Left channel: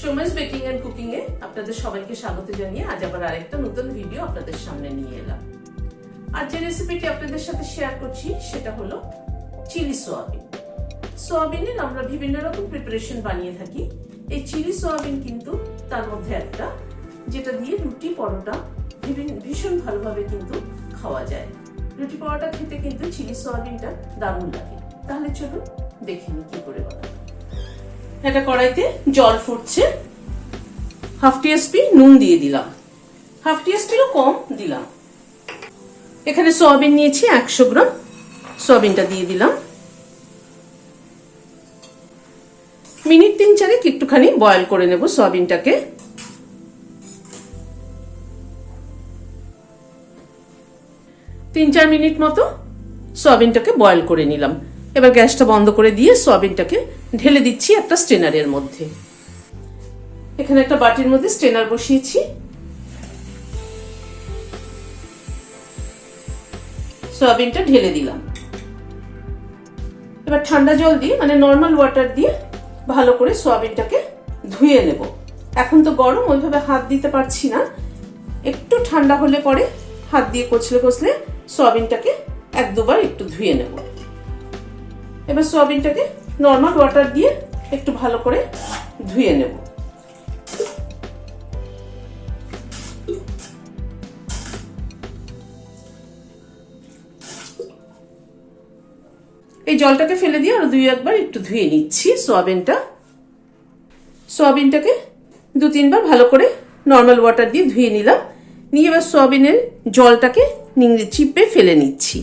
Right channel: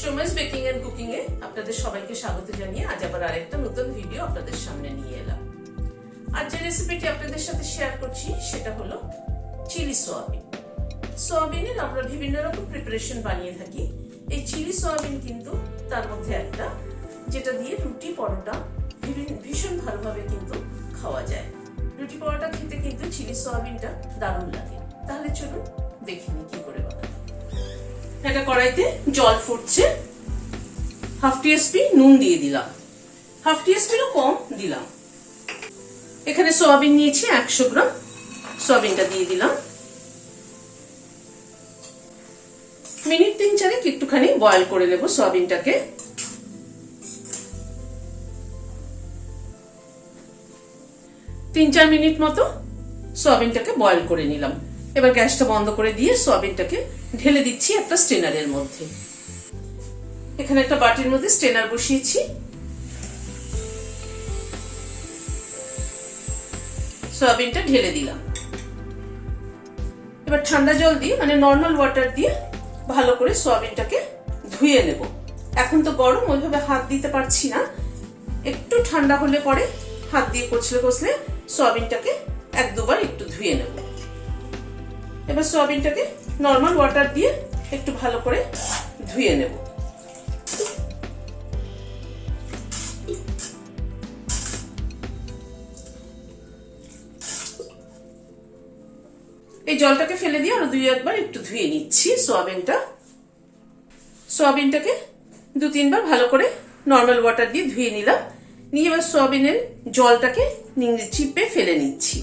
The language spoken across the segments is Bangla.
সোমাস বেকিং এন্ড কুকিং এ আপনাদের সবাইকে স্বাগত জানিয়ে আজ আবার আরেকটা নতুন ভিডিও আপনাদের সামনে নিয়ে এলাম। আজ যে রেসিপিটি আপনাদের সাথে শেয়ার করছি সেটা হলো চিলি সোয়াবিন। সোয়াবিনের আমরা বিভিন্ন রকম প্রিপারেশন বানিয়ে থাকি। এই চিলি সোয়াবিন কিন্তু তার মধ্যে একটা, যেটা দিয়ে রুটি পরোটা ভীষণ ভালোভাবে কিন্তু খাওয়া যায়। রুটি পরোটা খেতে কিন্তু চিলি সোয়াবিনটা দারুণ লাগে। তাহলে চলুন দেখে নিই কি করে বানাবো। একটা কড়াইতে জল ফুটছে, হাফ টিস্পুন নুন দিয়ে দিলাম, হাফ টিস্পুনও কম দিলাম। এখানে সয়াবিন নিয়েছি 100 গ্রাম, সয়াবিনটা দিয়ে দিলাম। মিনিট 3-4 একটুখানি বয়েল করে নেব সয়াবিনটাকে। তিন 4 মিনিট মতো সয়াবিনটাকে বয়েল করে নিলাম। এবার গ্যাসটা বন্ধ করে দিয়ে সয়াবিনটাকে ঢেলে দিচ্ছি একটা স্ট্রেনারের মধ্যে। এখানে একটা বাটির মধ্যে স্ট্রেনার বসিয়েছি। সয়াবিনটা ঢেলে দিলাম। এবার ঠান্ডা জল দিয়ে মানে নর্মাল ওয়াটার দিয়ে ভালো করে সয়াবিনটাকে ধুয়ে নেব। এখন তো গরম, ওইভাবে হাত দিতে পারছি না। একটু ঠান্ডা হলে পরে হাত দিয়ে কচলে কচলে সয়াবিনটাকে 1-2 বার একটু ধুয়ে নেব। এবার সয়াবিনটাকে নর্মাল ওয়াটার দিয়ে একটু ভালো করে ধুয়ে নেব। এই জলটাকে ফেলে দিয়ে আরো 2-1 বার একটু ধুয়ে নিচ্ছি সয়াবিনটাকে 2-3 বার ভালো করে নর্মাল ওয়াটার দিয়ে ধুয়ে নিলাম। নিয়ে এবার সয়াবিনের জলটাকে নিংড়ে চিপে ফেলে নিচ্ছি।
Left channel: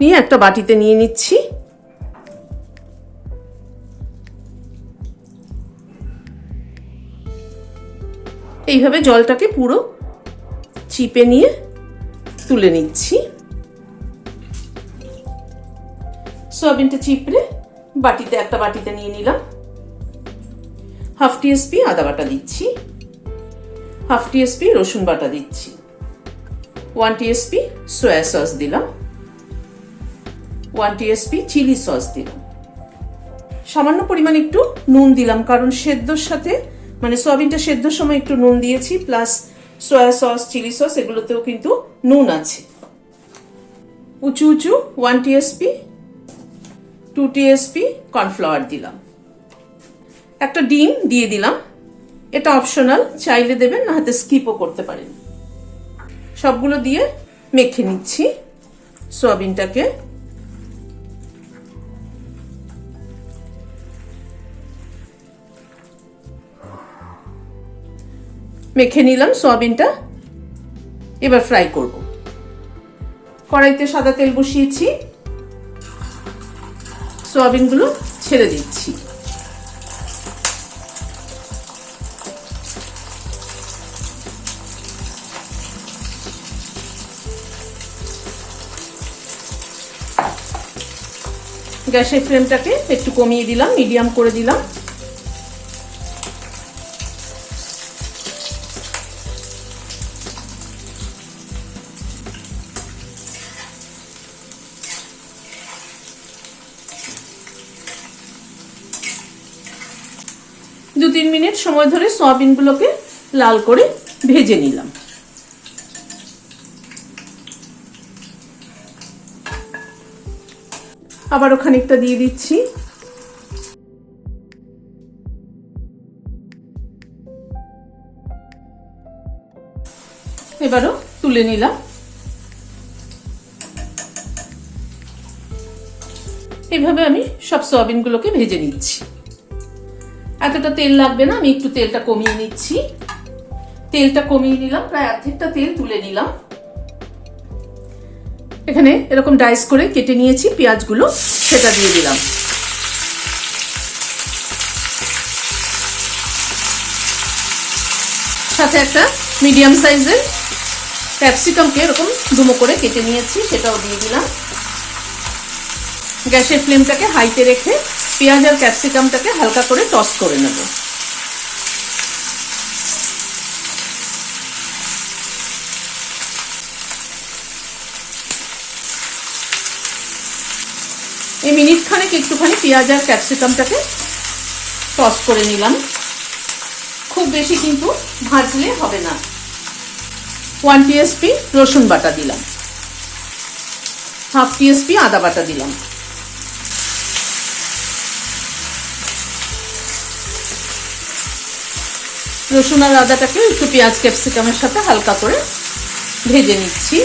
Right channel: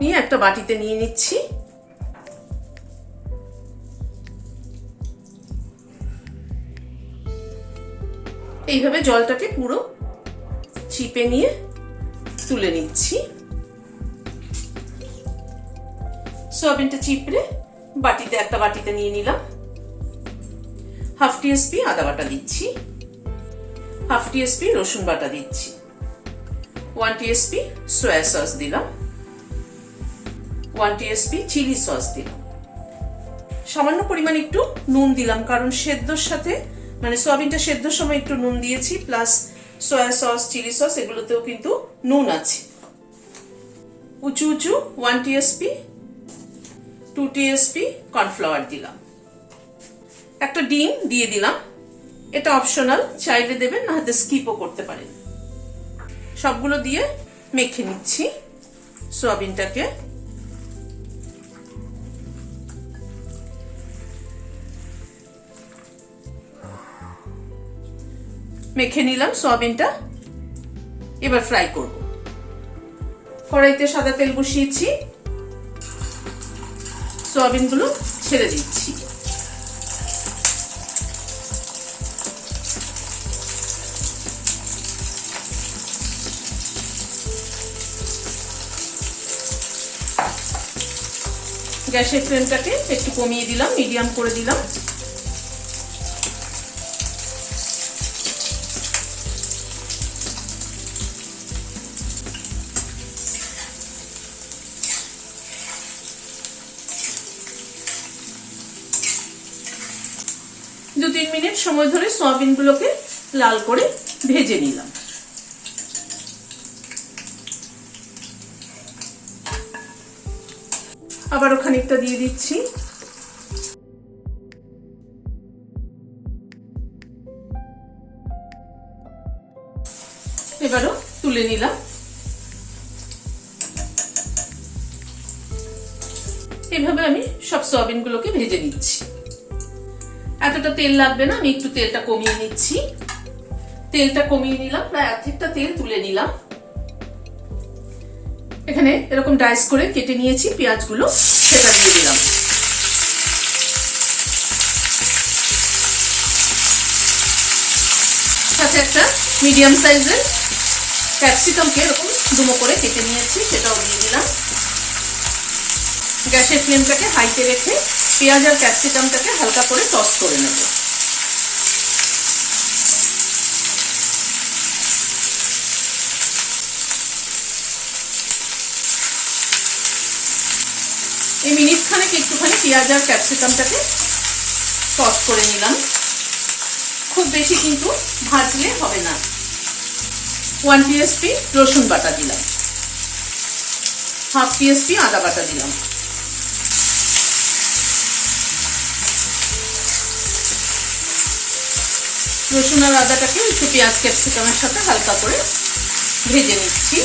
নিয়ে একটা বাটিতে নিয়ে নিচ্ছি। এইভাবে জলটাকে পুরো চিপে নিয়ে তুলে নিচ্ছি। সয়াবিনটা চিপড়ে একটা বাটিতে নিয়ে নিলাম। হাফ টিস্পুন আদা বাটা দিচ্ছি, হাফ টিস্পুন রসুন বাটা দিচ্ছি, 1 টিস্পুন সয়া সস দিলাম, 1 টিস্পুন চিলি সস দিলাম। সামান্য পরিমাণ একটু নুন দিলাম, কারণ সেদ্ধর সাথে মানে সয়াবিনটা সেদ্ধর সময় একটু নুন দিয়েছি, plus soya sauce chilli sauce এগুলোতেও কিন্তু নুন আছে। উঁচু 1 টিস্পুন 2 টিস্পুন কর্নফ্লাওয়ার দিলাম। একটা ডিম দিয়ে দিলাম। এটা অপশনাল, চাইলে দেবেন, না হাতে স্কিপও করতে পারেন। সবগুলো দিয়ে মেখে নিচ্ছি সয়াবিনটাকে। মেখে নিলাম সয়াবিনটা। এবার ফ্রাই করব। কড়াইতে সাদা তেল বসিয়েছি, সয়াবিনগুলো ছেড়ে দিচ্ছি। গ্যাসের ফ্লেমটাকে একটু কমিয়ে দিলাম, মিডিয়াম করে দিলাম। দু 3 মিনিট সময় ধরে সয়াবিনগুলোকে লাল করে ভেজে নিলাম। আবারও খানিকটা দিয়ে দিচ্ছি। এবারও তুলে নিলাম। এইভাবে আমি সব সয়াবিনগুলোকে ভেজে নিচ্ছি। এতটা তেল লাগবে না, আমি একটু তেলটা কমিয়ে নিচ্ছি। তেলটা কমিয়ে নিলাম, প্রায় অর্ধেকটা তেল তুলে নিলাম। এখানে এরকম ডাইস করে কেটে নিয়েছি পেঁয়াজগুলো, সেটা দিয়ে দিলাম। সাথে একটা মিডিয়াম সাইজের ক্যাপসিকামকে এরকম ডুমো করে কেটে নিয়েছি, সেটাও দিয়ে দিলাম। গ্যাসের ফ্লেমটাকে হাইতে রেখে পেঁয়াজ আর ক্যাপসিকামটাকে হালকা করে টস করে নেব। এই মিনিট খানেক একটুখানি পেঁয়াজ আর ক্যাপসিকামটাকে টস করে নিলাম। খুব বেশি কিন্তু ভাজলে হবে না। 1 টিএসপি রসুন বাটা দিলাম, 1/2 টিএসপি আদা বাটা দিলাম। রসুন আর আদাটাকে একটু পেঁয়াজ ক্যাপসিকামের সাথে হালকা করে ভেজে নিচ্ছি।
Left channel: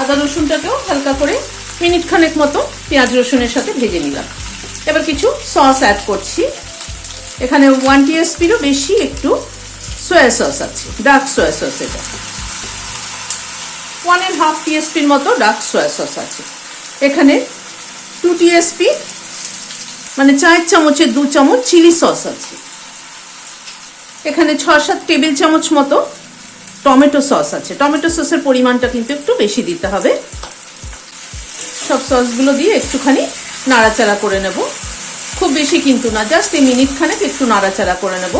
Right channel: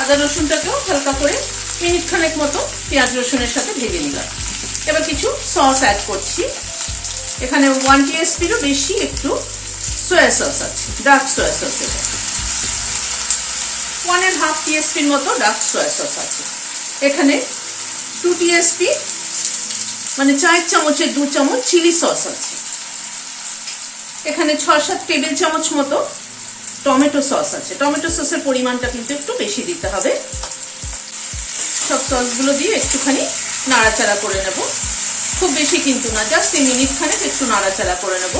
আদা রসুনটাকেও হালকা করে মিনিট খানেক মতো পেঁয়াজ রসুনের সাথে ভেজে নিলাম। এবার কিছু সস অ্যাড করছি। এখানে 1 টিএসপিরও বেশি একটু সয়া সস আছে, ডার্ক সয়া সস। এটা 1.5 টিএসপির মতো ডার্ক সয়া সস আছে। এখানে 2 টিএসপি মানে 4 চামচের 2 চামচ চিলি সস আছে। এখানে 6-7 টেবিল চামচ মতো টমেটো সস আছে। টমেটো সসের পরিমাণটা কিন্তু একটু বেশি দিতে হবে। সব সসগুলো দিয়ে একটুখানি নাড়াচাড়া করে নেব, খুব বেশি কিন্তু না, জাস্ট এই মিনিট খানেক একটু নাড়াচাড়া করে নেব।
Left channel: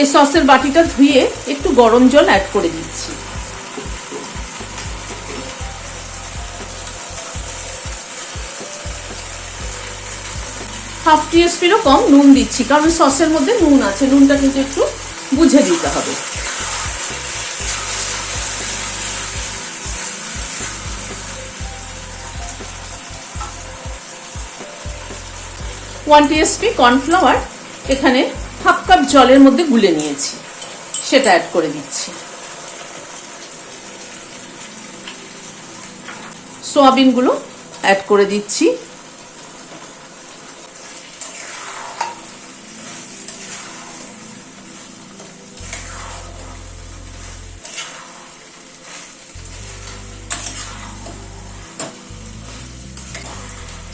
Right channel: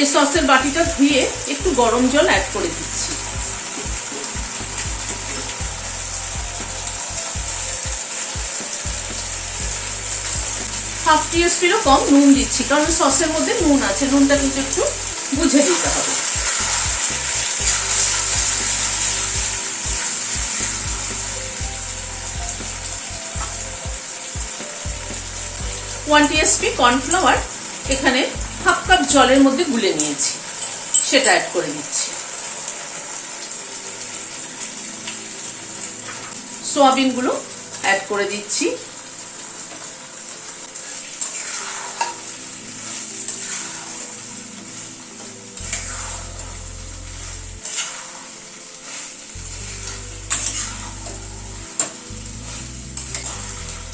এই সসের বাটিটা ধুয়ে একটু গরম জল অ্যাড করে দিচ্ছি। হাফ টিএসপিরও কম নুন দিচ্ছি, কারণ সসের মধ্যে নুন আছে, নুনটা কিন্তু একটু বুঝে দিতে হবে। ওয়ান টিএসপি কর্নফ্লাওয়ার এখানে 1/2 কাপ জলের মধ্যে গুলে নিয়েছি, সেটা অ্যাড করে দিচ্ছি। সোয়াবিনগুলো অ্যাড করে দিচ্ছি।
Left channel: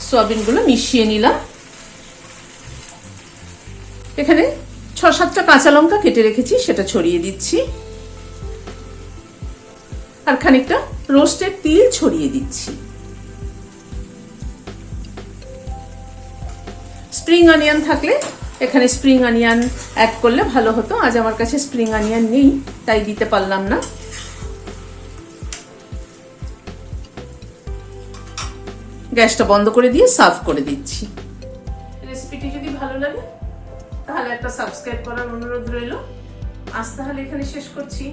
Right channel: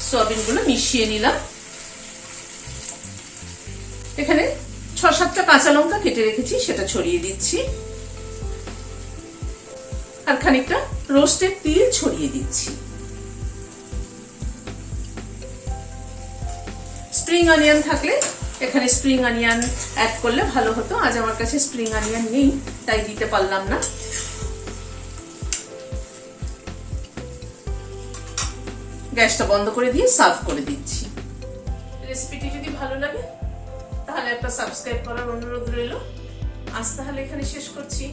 সোয়াবিনগুলো মিশিয়ে নিলাম। এখানে 6-7টা কাঁচা লঙ্কা কেটে রেখেছি, সেটা ছড়িয়ে দিচ্ছি। আর খানিকটা রোস্টেড তিল ছড়িয়ে দিচ্ছি। স্প্রিং অনিয়ন থাকলে এখানে স্প্রিং অনিয়ন অ্যাড করলে ভালো হতো। আজ আমার কাছে স্প্রিং অনিয়ন নেই, তাই দিতে পারলাম না। গ্যাসটা বন্ধ করে দিয়ে সার্ভ করে দিচ্ছি। রেসিপিটি যদি ভালো লাগে তাহলে একটা সাবস্ক্রাইব করার অনুরোধ রইল। আজ তাহলে এখানে শেষ করছি।